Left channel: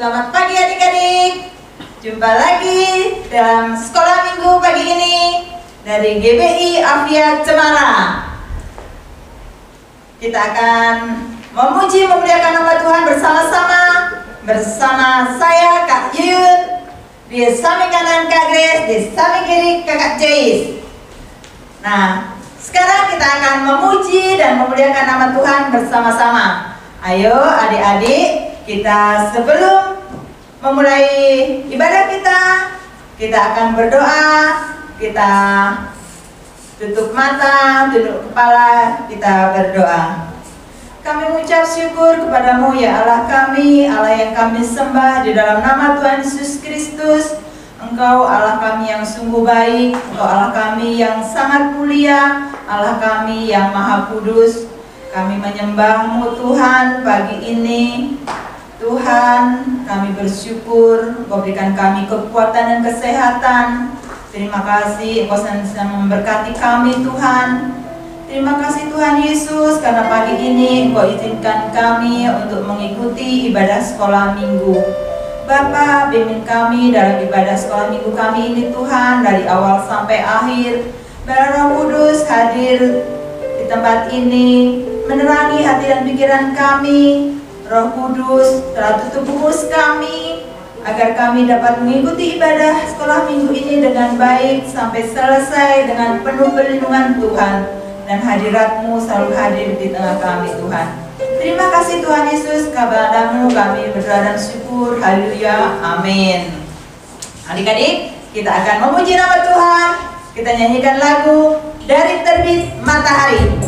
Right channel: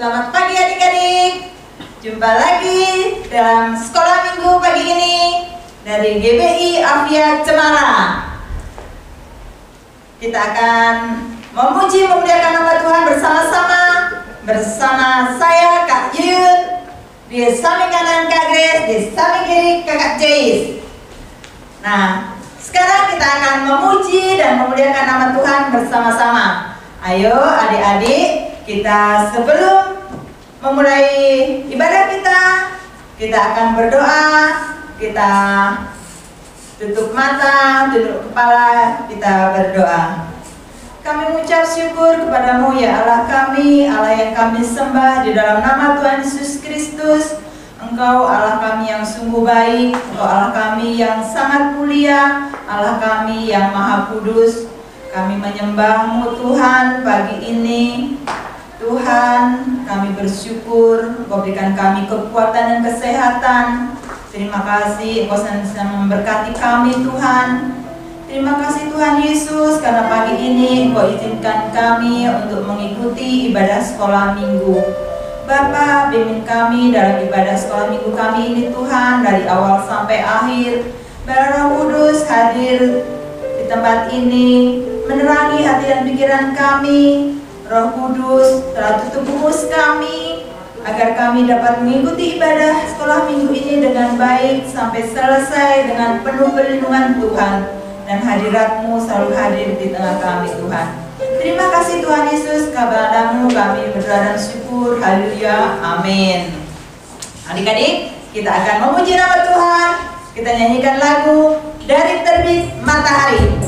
Selamat pagi adik-adik. Jumpa lagi dalam sekolah minggu pagi ini dari GBI Afia Cemara. Kita akan memuji memuliakan nama Tuhan bersama saya Kak Yuyun, di samping kanan Kak Grace, di samping kiri Kakak Joyce. Nah, sekarang kita akan memuji dan memuliakan nama Tuhan bersama-sama. Ayo adik-adik, kita sebelum memulai ibadah kita akan berdoa. Kita tutup mata, tunduk kepala, kita berdoa. Kami mengucap syukur kepadamu ya Allah kami, Allah yang kami sembah di dalam nama Tuhan Yesus Kristus. Engkau Allah kami yang sungguh baik, Engkau Allah kami yang sangat mulia, Allah kami yang maha kudus. Kami menyembah-Mu Tuhan pagi ini. Tuhan, kami bersyukur Engkau berikan kami kekuatan dan kesehatan. Terima kasih Engkau senantiasa memberkati kami Tuhan. Terima kasih Tuhan Yesus karena pagi ini Engkau izinkan kami untuk mengikuti ibadah sekolah minggu. Bapa, bimbing kami dalam ibadah sekolah minggu kami ini Tuhan, dari awal sampai akhir. Biar Roh Kudus hadir di tempat ini, menerangi hati dan pikiran kami. Roh Kudus telah tutup bungkus kami, agar kami dapat mengikuti ibadah sekolah minggu ini dengan baik sampai selesai dengan penuh perlindungan Tuhan. Dan hadirat-Mu selalu hadir di tengah kami Tuhan. Terima kasih Tuhan Yesus, kepada-Mu kami berdoa dan syukur. Haleluya, amin. Adik-adik, kita akan memuji nama Tuhan. Kita nyanyikan lagu Dari Terbit Matahari.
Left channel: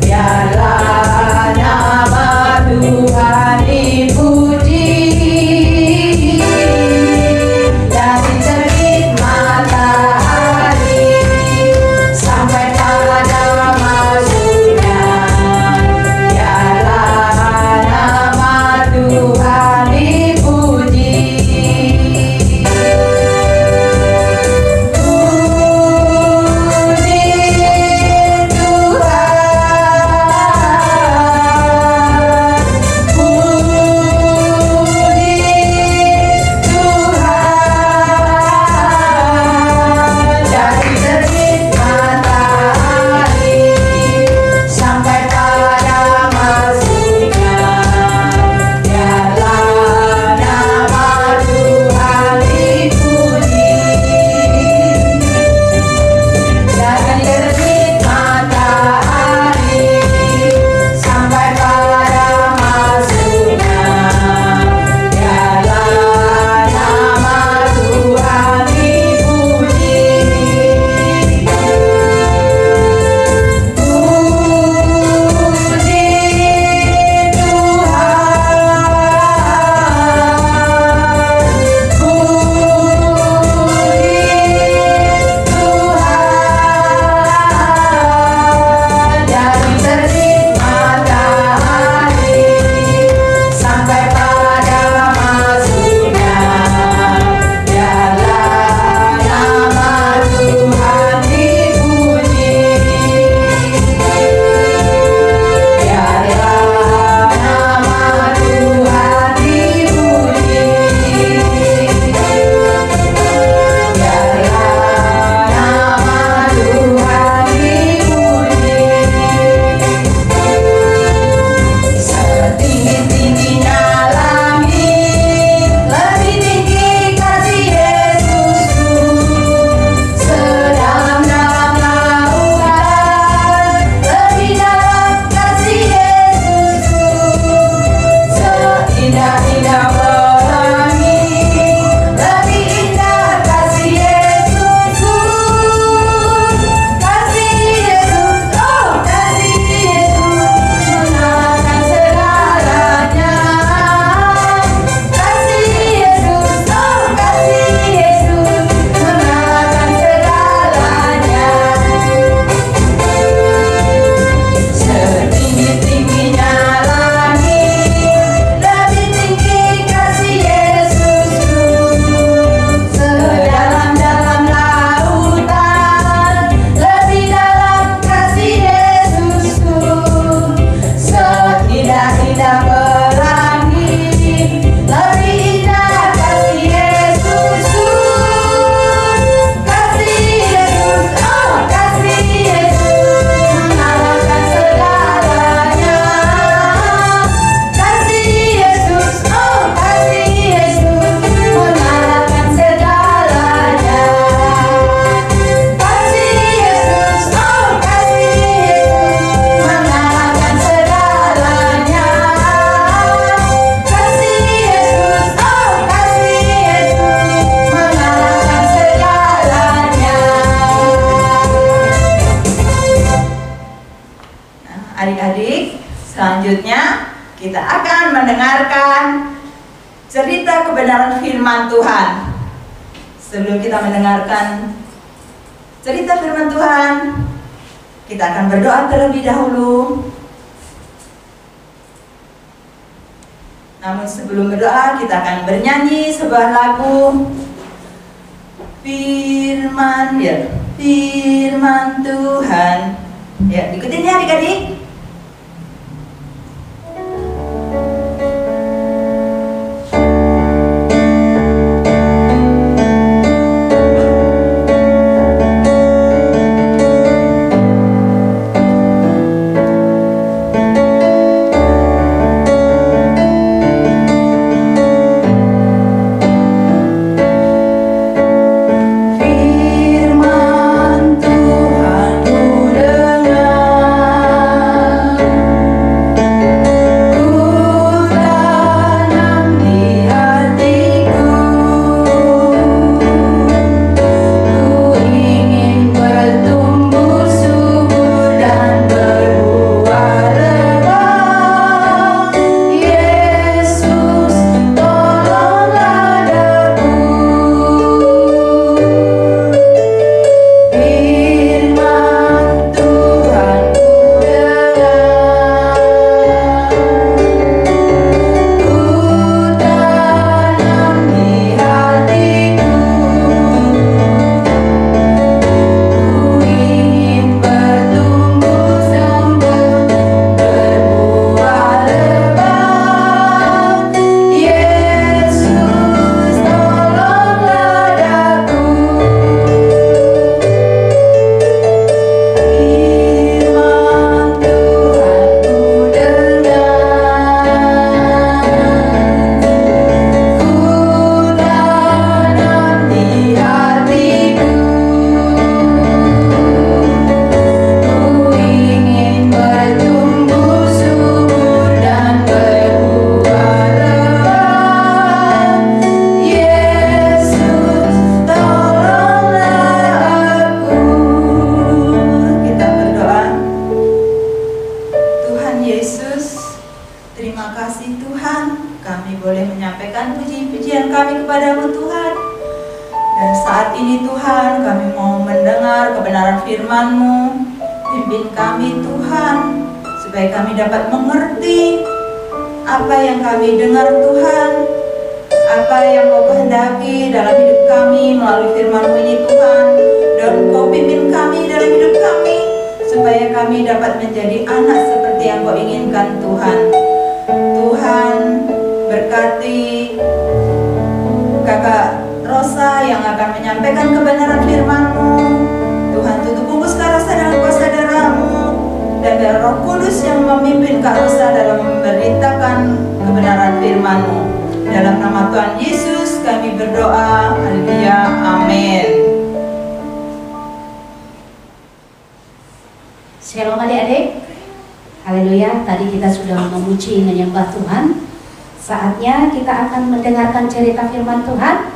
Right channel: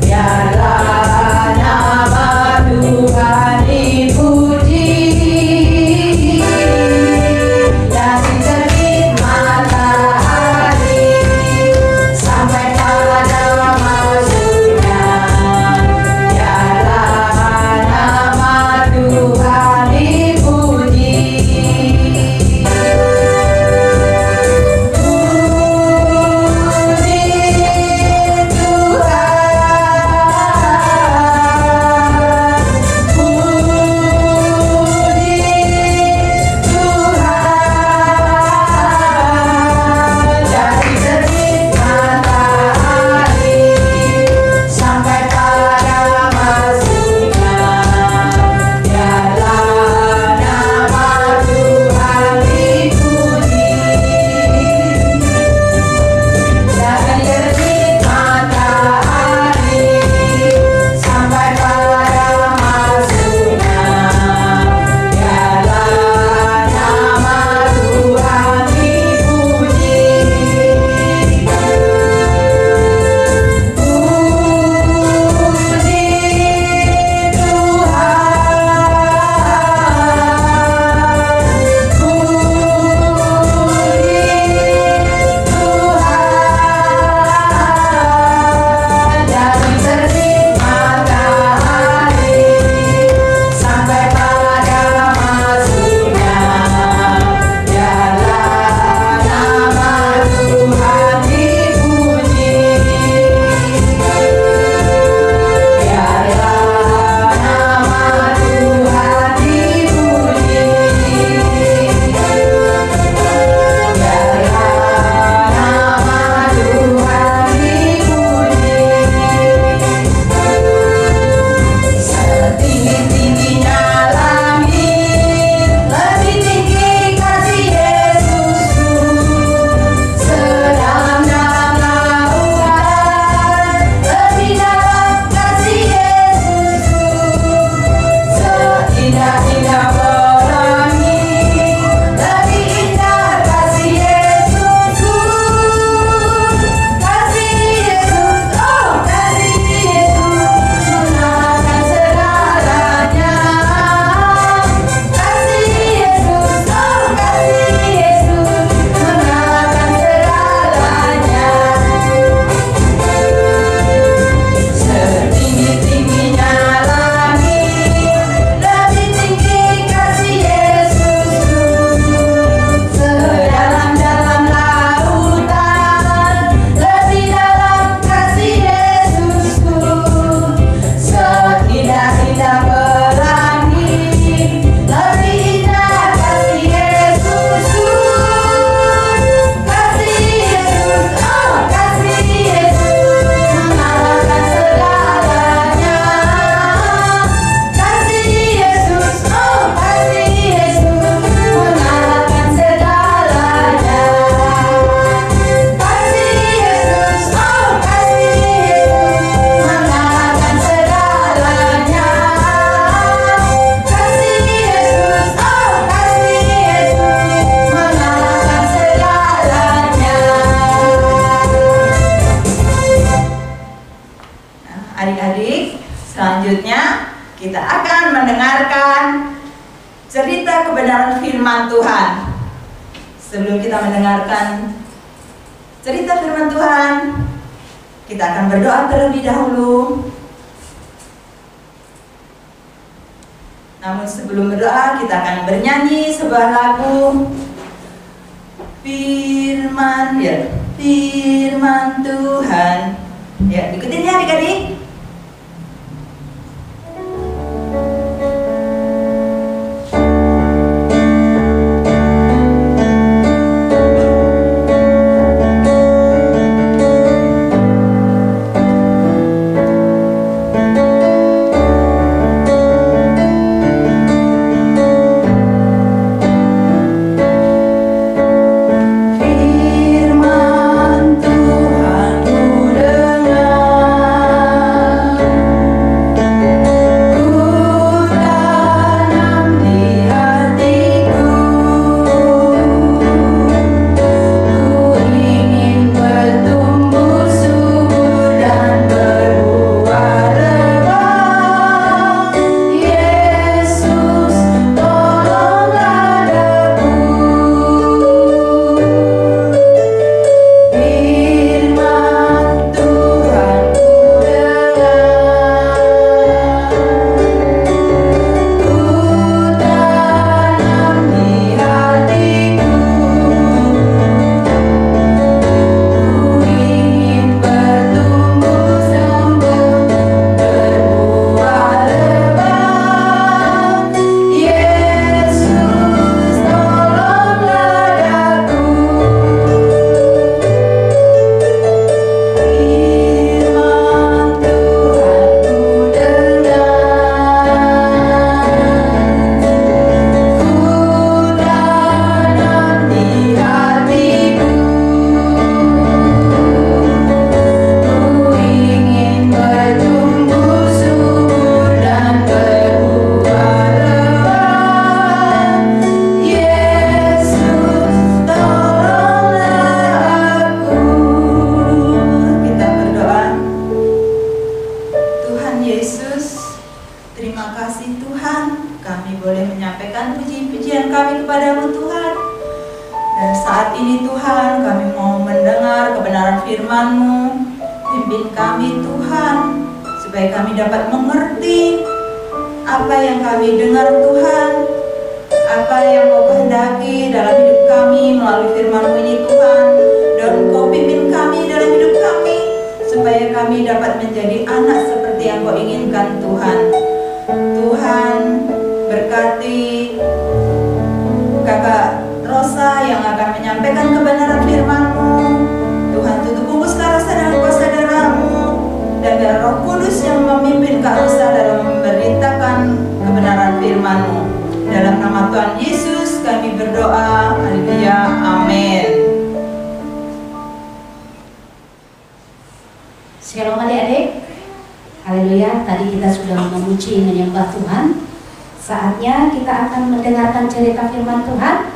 Biarlah nama Tuhan Adik-adik, selanjutnya kita akan mendengarkan cerita kebenaran firman Tuhan. Sebelum kita mendengarkan cerita firman Tuhan, kita akan berdoa terlebih dahulu. Namun sebelum berdoa, kita akan bernyanyi sebuah lagu Firman, ya, firman Tuhan. Ya, ikutin ya adik-adik. Shalom adik-adik. Haleluya, tadi kita sudah memuji menyembah Tuhan. Saatnya kita akan mendengarkan cerita firman Tuhan.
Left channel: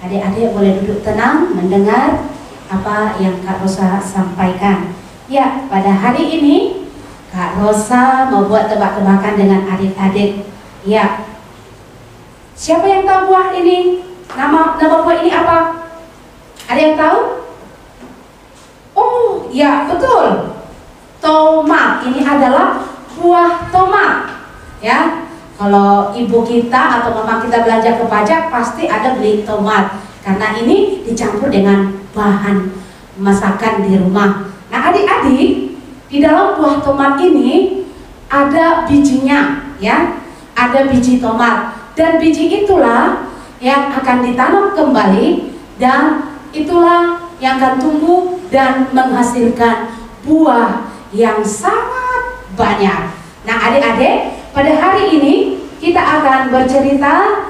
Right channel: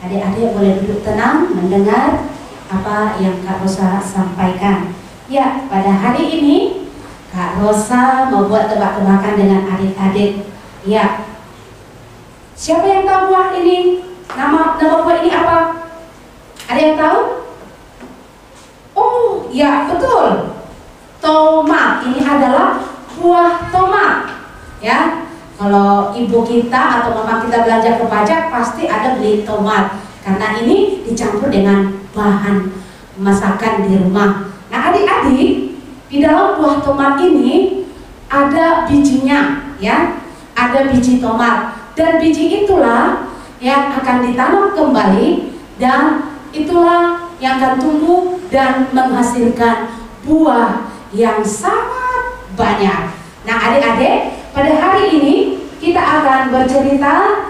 Adik-adik boleh duduk tenang mendengar apa yang Kak Rosa sampaikan. Ya, pada hari ini Kak Rosa membuat tebak-tebakan dengan adik-adik. Ya, siapa yang tahu buah ini? Nama buah ini apa? Ada yang tahu? Oh, ya betul. Tomat, ini adalah buah tomat. Ya, kalau ibu kita atau mama kita belanja ke pajak pasti ada beli tomat, karena ini dicampur dengan bahan masakan di rumah. Nah adik-adik, di dalam buah tomat ini ada bijinya, ya, ada biji tomat, dan biji itulah yang akan ditanam kembali, dan itulah yang akan tumbuh dan menghasilkan buah yang sangat banyak. Nah adik-adik, pada hari ini kita akan bercerita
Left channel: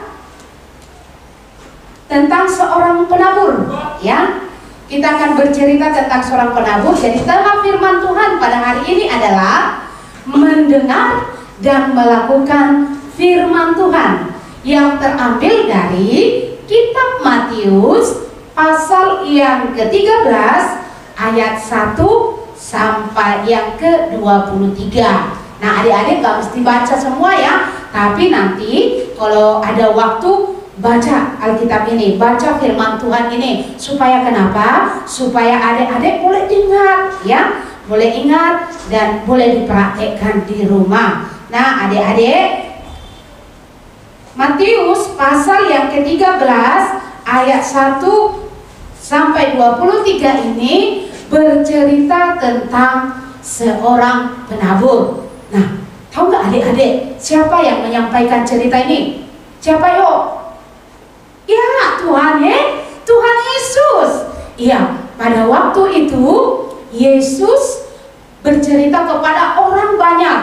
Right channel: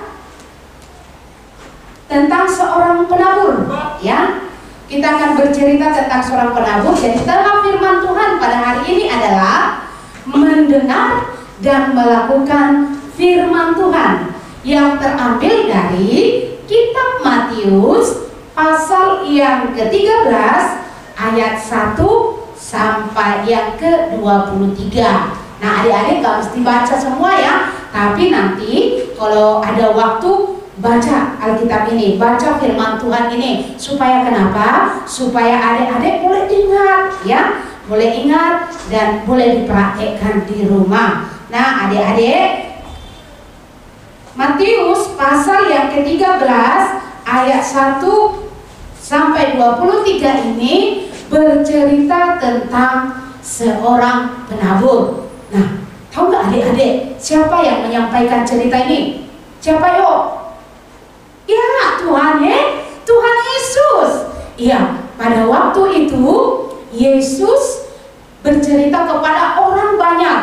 tentang seorang penabur, ya. Kita akan bercerita tentang seorang penabur. Jadi tema firman Tuhan pada hari ini adalah mendengar dan melakukan firman Tuhan, yang terambil dari kitab Matius pasal yang ke-13 ayat 1 sampai ayat yang ke-23. Nah, adik-adik gak mesti baca semua ya, tapi nanti kalau ada waktu baca Alkitab ini, baca firman Tuhan ini. Supaya kenapa? Supaya adik-adik boleh ingat ya, boleh ingat dan boleh dipraktekkan di rumah. Nah, adik-adik, Matius pasal yang ke-13 ayat 1 sampai 23 ini bercerita tentang seorang penabur. Nah, tahu nggak adik-adik siapa yang menyampaikan cerita ini? Siapa yuk? Ya, Tuhan Yesus. Iya, pada waktu itu Yesus bercerita kepada orang banyak,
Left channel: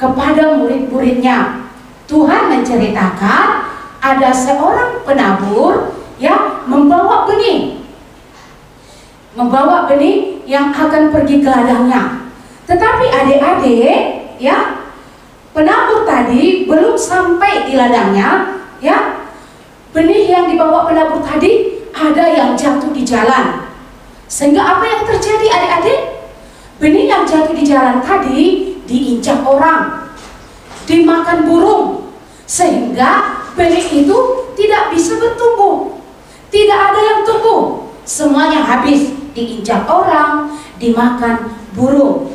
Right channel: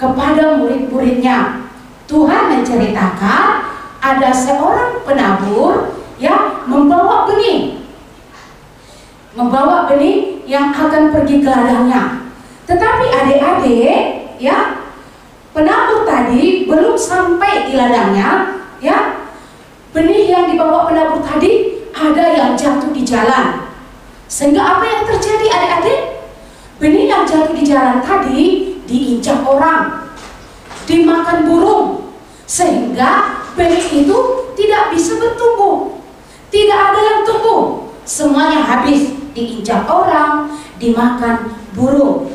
kepada murid-muridnya. Tuhan menceritakan ada seorang penabur yang membawa benih yang akan pergi ke ladangnya. Tetapi adik-adik ya, penabur tadi belum sampai di ladangnya ya. Benih yang dibawa penabur tadi ada yang jatuh di jalan. Sehingga apa yang terjadi adik-adik? Benih yang jatuh di jalan tadi diinjak orang, dimakan burung, sehingga benih itu tidak bisa bertumbuh. Tidak ada yang tumbuh, semuanya habis, diinjak orang, dimakan burung.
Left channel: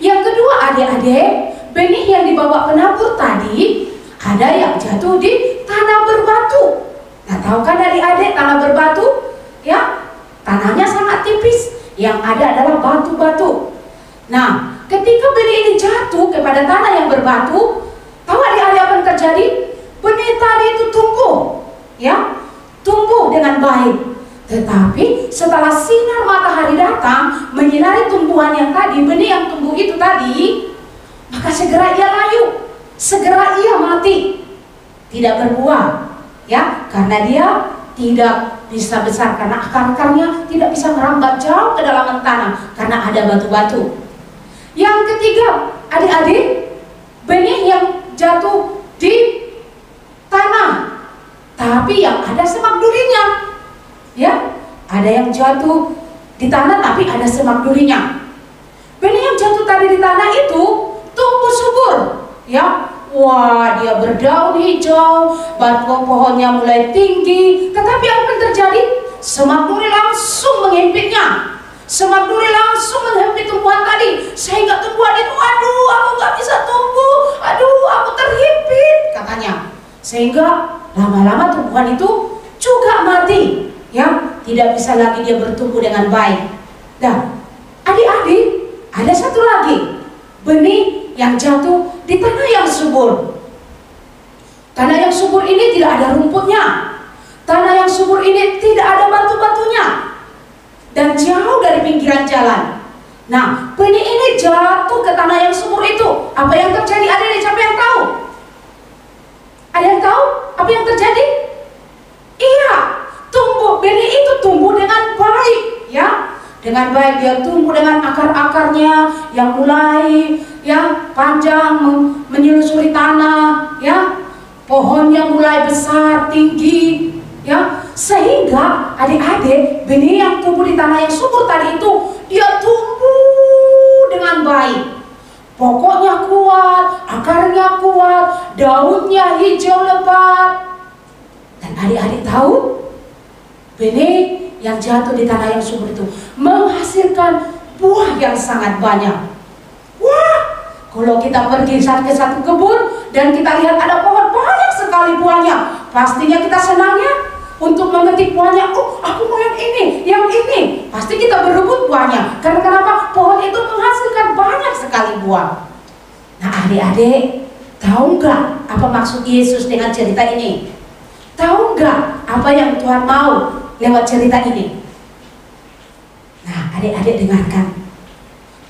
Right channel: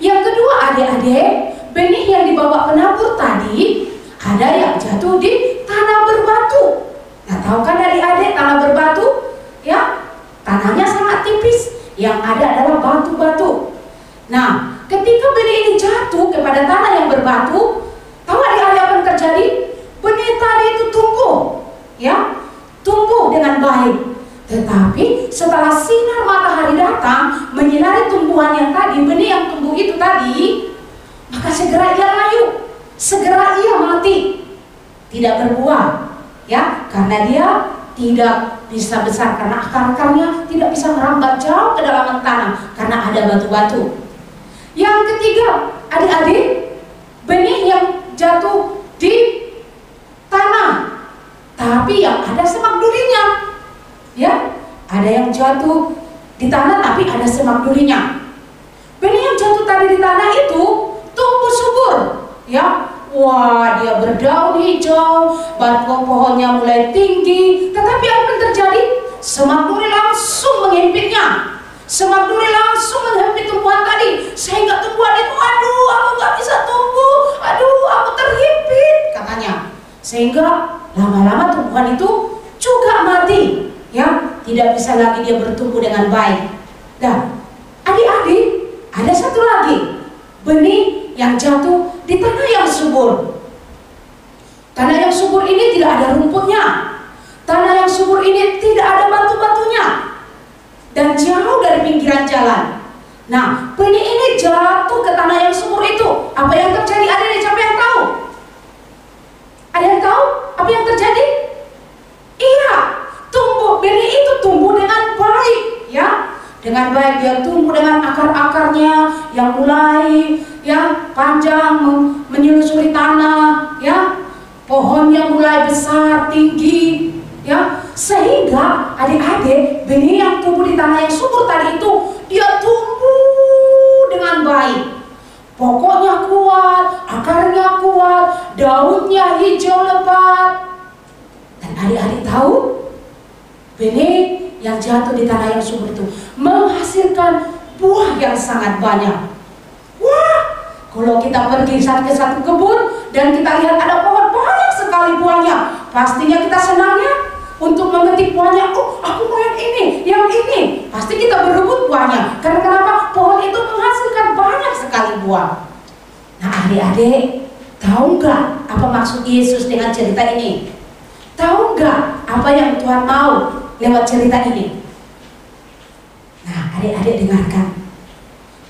Yang kedua adik-adik, benih yang dibawa penabur tadi ada yang jatuh di tanah berbatu. Nah, tahu kan adik-adik tanah berbatu? Ya, tanahnya sangat tipis, yang ada adalah batu-batu. Nah, ketika benih ini jatuh kepada tanah yang berbatu, tahu adik-adik apa yang terjadi? Benih tadi itu tumbuh, ya, tumbuh dengan baik. Tetapi setelah sinar matahari datang menyinari tumbuhan yang tadi, benih yang tumbuh itu tadi, maka segera ia layu, segera ia mati, tidak berbuah, ya, karena dia tidak bisa besar, karena akar-akarnya tidak bisa merambat jauh ke dalam tanah karena ada batu-batu. Yang ketiga, adik-adik, benih yang jatuh di tanah, tapi yang ada semak durinya. Ya, ada yang jatuh di tanah tapi ada semak durinya. Benih yang jatuh tadi di tanah itu tumbuh subur, ya. Wah, dia berdaun hijau, batang pohonnya mulai tinggi. Tetapi apa yang terjadi? Semak duri langsung menghempitnya. Semak duri langsung menghempit tumbuhan tadi, sehingga tumbuhan itu, aduh, aku nggak bisa tumbuh, aduh, aku terhimpit, katanya. Sehingga lama-lama tumbuhan itu juga mati, ya, tidak bisa lagi dia bertumbuh dengan baik. Dan adik-adik, ada satu lagi benih yang jatuh di tanah yang subur. Tanah yang subur ini tidak ada rumputnya. Tanah yang subur ini tidak ada batu-batunya, dan jauh dari pinggiran jalan. Nah, benih ini jatuh ke tanah yang subur itu. Apa yang terjadi? Ada siapa yang tahu? Ada yang tahu apa yang terjadi? Iya, benih itu tumbuh dengan baik, ya. Dengan baik dia tumbuh dengan akar-akarnya yang mulai ya panjang menyelusuri tanah, ya. Pohonnya mulai besar, tinggi, ya. Sehingga adik-adik, benih yang tumbuh di tanah yang subur tadi itu dia tumbuh dengan baik. Pokoknya kuat, akarnya kuat, daunnya hijau lebat. Dan adik-adik tahu, benih yang jatuh di tanah yang subur itu menghasilkan buah yang sangat banyak. Wah, kalau kita pergi ke satu kebun dan kita lihat ada pohon banyak sekali buahnya, pastinya kita senangnya untuk memetik buahnya. Oh, aku mau yang ini. Pasti kita berebut buahnya. Karena kenapa? Pohon itu menghasilkan banyak sekali buah. Nah, adik-adik, tahu nggak apa maksud Yesus dengan cerita ini? Tahu nggak apa yang Tuhan mau lewat cerita ini? Nah, adik-adik dengarkan.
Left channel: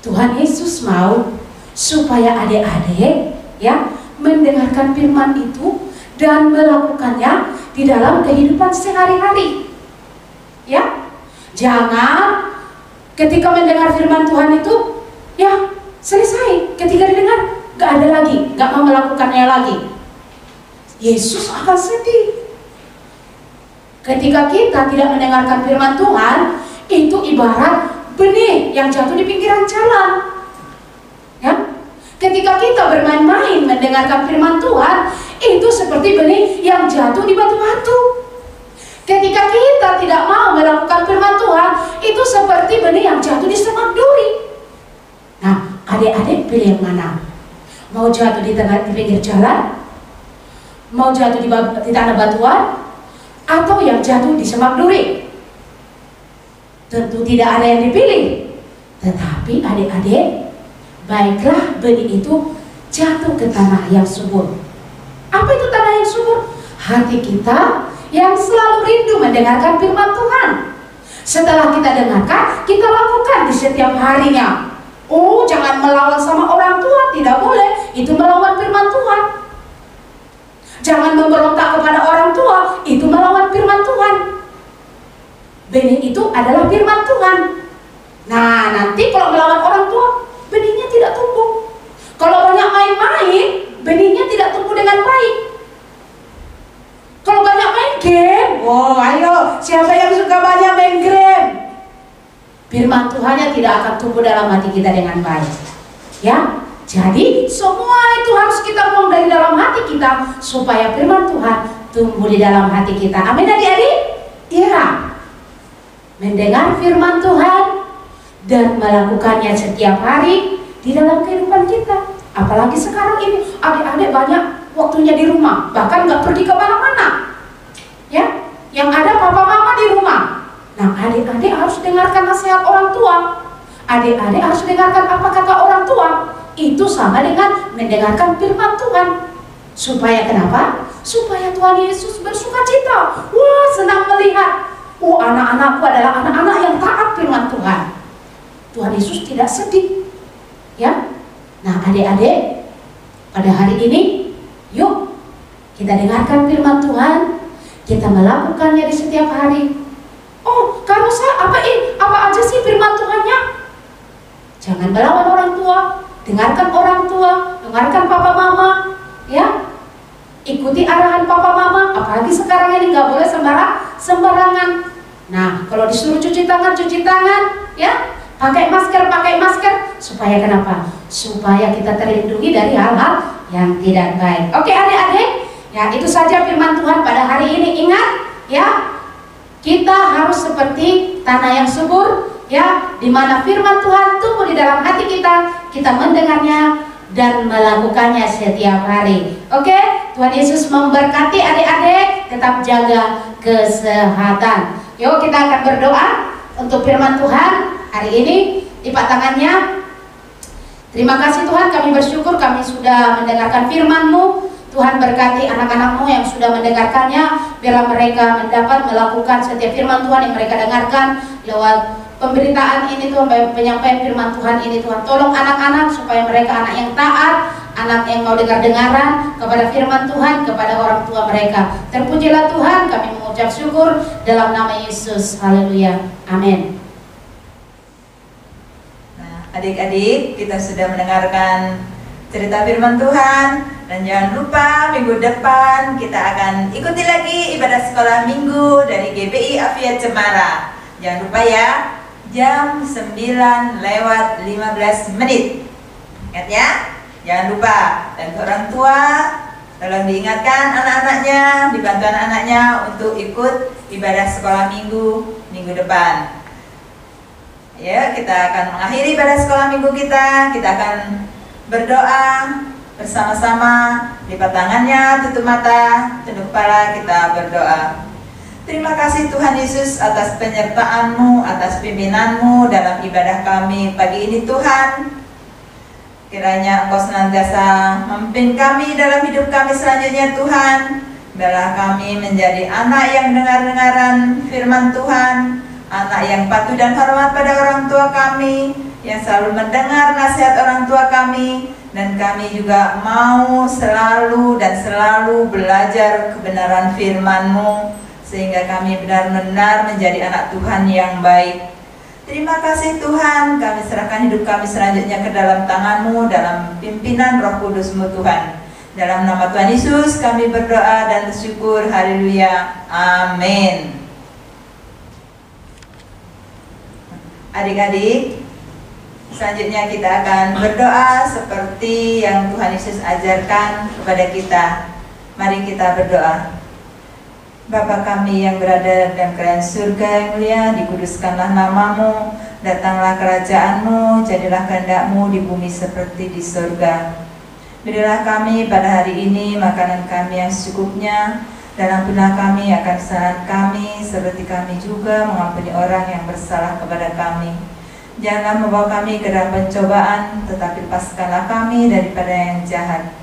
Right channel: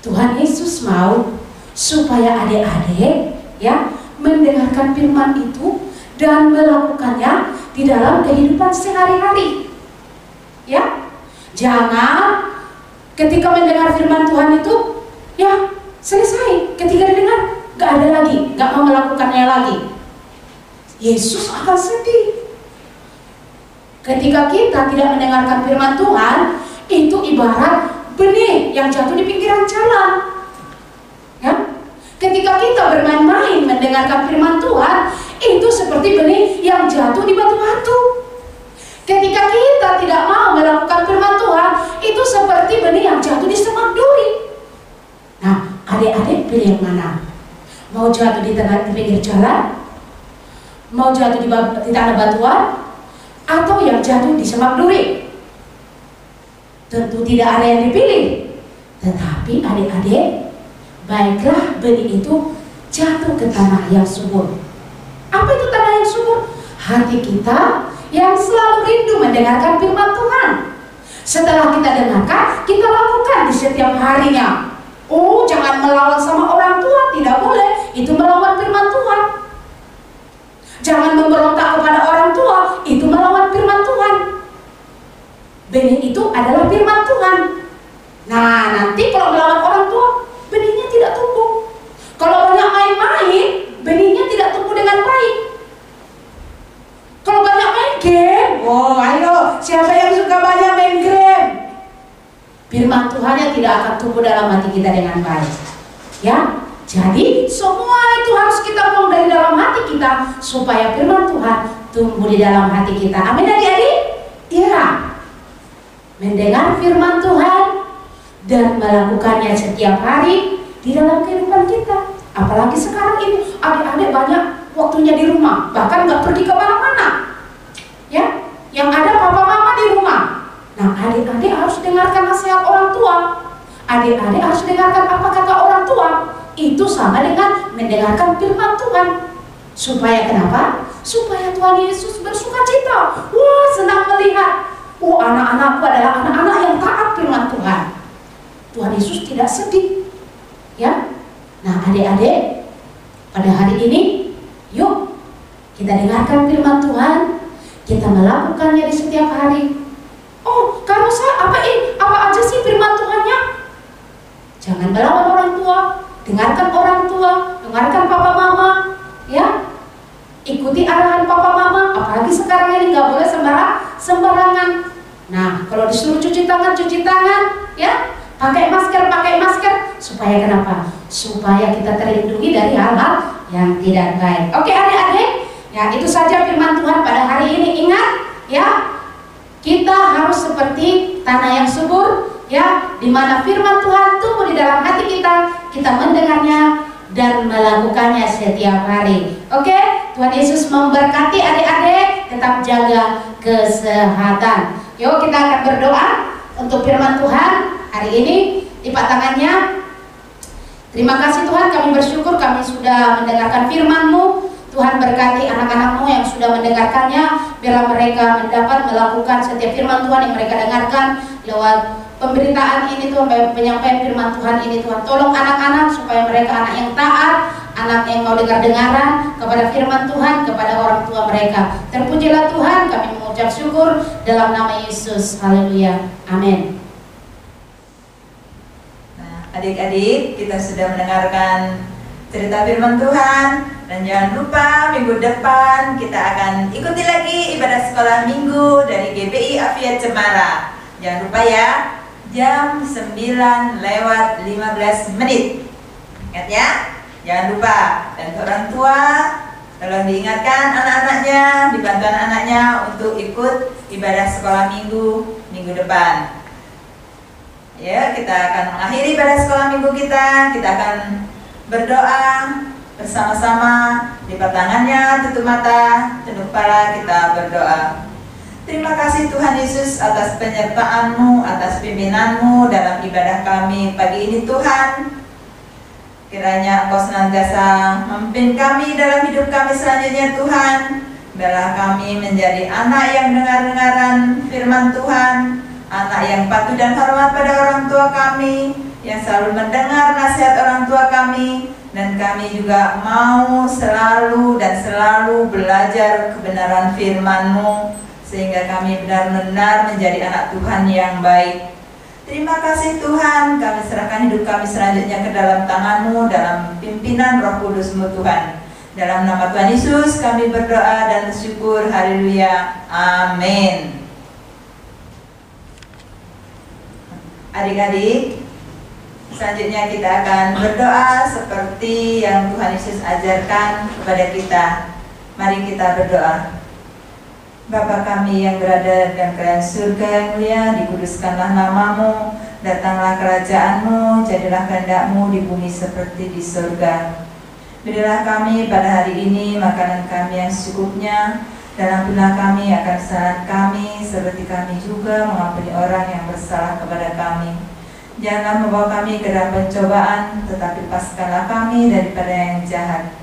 Tuhan Yesus mau supaya adik-adik ya mendengarkan firman itu dan melakukannya di dalam kehidupan sehari-hari. Ya, jangan ketika mendengar firman Tuhan itu ya selesai, ketika didengar gak ada lagi, gak mau melakukannya lagi. Yesus akan sedih. Ketika kita tidak mendengarkan firman Tuhan, itu ibarat benih yang jatuh di pinggiran jalan. ketika kita bermain-main mendengarkan firman Tuhan, itu seperti benih yang jatuh di batu-batu. Ketika kita tidak mau melakukan firman Tuhan, itu seperti benih yang jatuh di semak duri. Nah, adik-adik pilih yang mana? Mau jatuh di pinggir jalan? Mau jatuh di tanah batuan? Atau yang jatuh di semak duri? Tentu tidak ada yang dipilih. Tetapi adik-adik, baiklah benih itu jatuh ke tanah yang subur. Apa itu tanah yang subur? Hati kita yang selalu rindu mendengarkan firman Tuhan. Setelah kita dengarkan, kita lakukan di setiap harinya. Oh, jangan melawan sama orang tua, tidak boleh. Itu melawan firman Tuhan. Jangan memberontak kepada orang tua, itu melawan firman Tuhan. Benih itu adalah firman Tuhan. Nah, nanti kalau melawan orang tua, benihnya tidak tumbuh. Kalau banyak main-main, benihnya tidak tumbuh dengan baik. Kalau banyak main game, oh ayo, siapa yang suka banyak main game? Firman Tuhannya tidak akan tumbuh dalam hati kita dengan baik. Ya, jadi semua itu harus kita buang dari dalam hati kita supaya firman Tuhan tumbuh di dalam hati kita. Amin adik-adik? Ya. Mendengar firman Tuhan dan melakukannya setiap hari di dalam kehidupan kita. Apalagi sekarang ini adik-adik banyak waktunya di rumah, bahkan nggak pergi ke mana-mana. Ya, yang ada papa mama di rumah. Nah, adik-adik harus dengarkan nasihat orang tua. Adik-adik harus dengarkan apa kata orang tua. Itu sama dengan mendengarkan firman Tuhan. Supaya kenapa? Supaya Tuhan Yesus bersuka cita. Wah, senang melihat. Oh, anak-anakku adalah anak-anak yang taat firman Tuhan. Tuhan Yesus tidak sedih. Ya. Nah, adik-adik, pada hari ini, yuk kita dengarkan firman Tuhan. Kita melakukannya di setiap hari. Oh, kalau saya apa aja sih firman Tuhannya? Jangan melawan orang tua, dengarkan orang tua, dengarkan papa mama, ya. Ikuti arahan papa mama. Apalagi sekarang ini nggak boleh sembarangan. Nah, kalau disuruh cuci tangan, ya. Pakai masker. Supaya kenapa? Supaya kita terlindungi dari hal-hal yang tidak baik. Oke, adik-adik. Ya, itu saja firman Tuhan pada hari ini. Ingat, ya. Kita harus seperti tanah yang subur, ya, di mana firman Tuhan tumbuh di dalam hati kita. Kita mendengarnya dan melakukannya setiap hari. Oke, Tuhan Yesus memberkati adik-adik. Tetap jaga kesehatan. Yuk, kita akan berdoa untuk firman Tuhan hari ini. Lipat tangannya. Terima kasih Tuhan, kami bersyukur kami sudah mendengarkan firman-Mu. Tuhan berkati anak-anak-Mu yang sudah mendengarkannya, biarlah mereka mendapat melakukan setiap firman Tuhan yang mereka dengarkan lewat pemberitaan ini Tuhan, penyampaian firman Tuhan ini Tuhan. Tolong anak-anak supaya mereka anak yang taat, anak yang mau dengar-dengaran kepada firman Tuhan, kepada orang tua mereka. Terpujilah Tuhan, kami mengucap syukur dalam nama Yesus. Haleluya. Amin. Nah, adik-adik, kita sudah mendengarkan cerita firman Tuhan. Dan jangan lupa minggu depan kita akan ikuti lagi ibadah sekolah minggu dari GBI Afiat Cemara. Jangan lupa ya, jam 9:15. Ingat ya, jangan lupa. Dan orang tua tolong diingatkan anak-anaknya, dibantu anak-anaknya untuk ikut ibadah sekolah minggu depan. Ya, kita akan mengakhiri ibadah sekolah minggu kita. Kita akan berdoa bersama-sama, lipat tangannya, tutup mata, tunduk kepala, kita berdoa. Terima kasih Tuhan Yesus atas penyertaan-Mu, atas pimpinan-Mu dalam ibadah kami pagi ini Tuhan. Kiranya Engkau senantiasa memimpin kami dalam hidup kami selanjutnya Tuhan. Biarlah kami menjadi anak yang dengar-dengaran firman Tuhan, anak yang patuh dan hormat pada orang tua kami, yang selalu mendengar nasihat orang tua kami. Dan kami juga mau selalu belajar kebenaran firman-Mu, sehingga kami benar-benar menjadi anak Tuhan yang baik. Terima kasih Tuhan, kami serahkan hidup kami selanjutnya ke dalam tangan-Mu, dalam pimpinan Roh Kudus-Mu Tuhan. Dalam nama Tuhan Yesus kami berdoa dan bersyukur. Haleluya. Amin. Adik-adik, Selanjutnya kita akan berdoa seperti yang Tuhan Yesus ajarkan kepada kita. Mari kita berdoa. Bapa kami yang berada dalam kerajaan surga yang mulia, dikuduskanlah namamu, datanglah kerajaanmu, jadilah kehendak-mu di bumi seperti di surga. Berilah kami pada hari ini makanan kami yang secukupnya, dan ampunilah kami akan kesalahan kami, seperti kami juga mengampuni orang yang bersalah kepada kami. Janganlah membawa kami ke dalam pencobaan, tetapi lepaskanlah kami daripada yang jahat.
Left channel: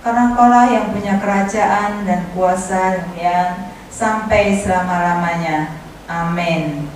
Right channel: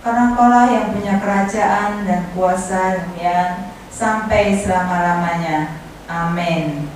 Karena Engkaulah yang punya kerajaan dan kuasa dan kemuliaan sampai selama-lamanya. Amin.